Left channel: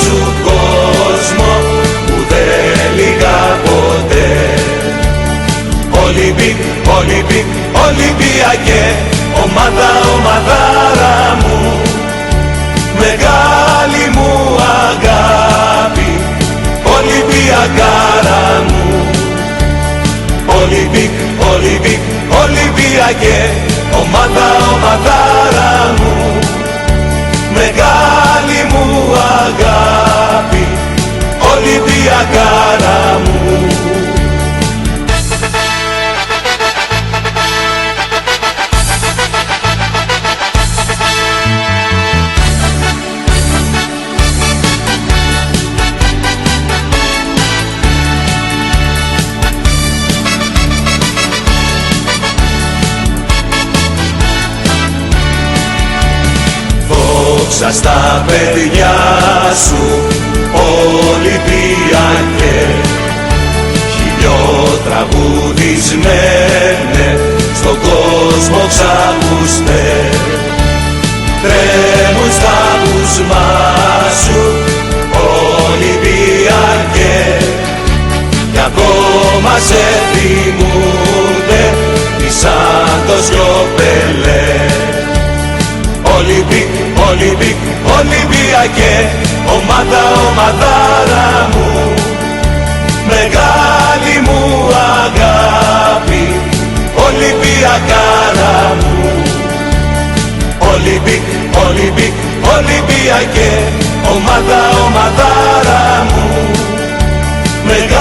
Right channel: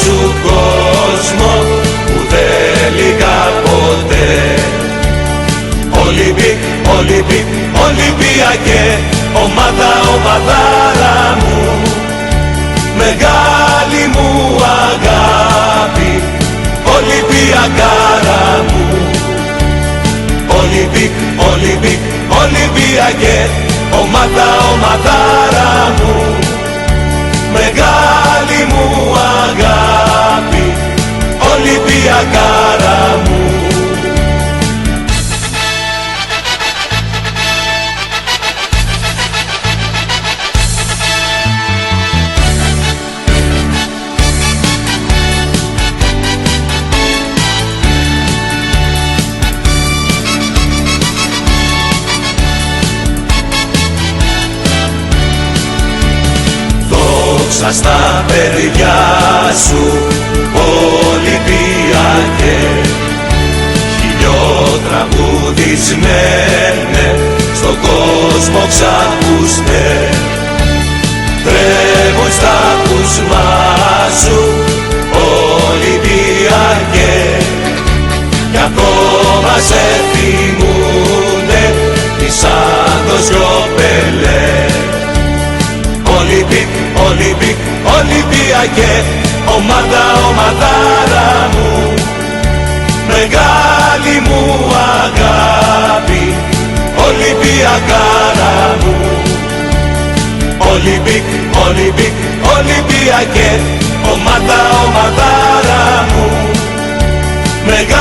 σου κόσμο που δεν λυγά ποτέ. Ολυμπίκ, Ολυμπίκ, Ολυμπιακέ, ομάδα, ομαδάρα μου, μεγάλη μου αγάπη, Ολυμπιακάρα μου. Ολυμπίκ, Ολυμπίκ, Ολυμπιακέ, ομάδα, ομαδάρα μου, μεγάλη μου αγάπη, Ολυμπιακάρα μου. Δόξα στα παιδιά σου, Ολυμπιακέ, χιλιότραγουδισμένε στον κόσμο ξακούστε. Τρέμουν στα ακούσμα σου, Ολυμπιακέ, κι ακόμα σε θυμούνται σαν το Σιωπελέ. Ολυμπίκ, Ολυμπίκ, Ολυμπιακέ, ομάδα, ομαδάρα μου, μεγάλη μου αγάπη, Ολυμπιακάρα μου. Ολυμπίκ, Ολυμπίκ, Ολυμπιακέ, ομάδα, ομαδάρα μου, μεγάλη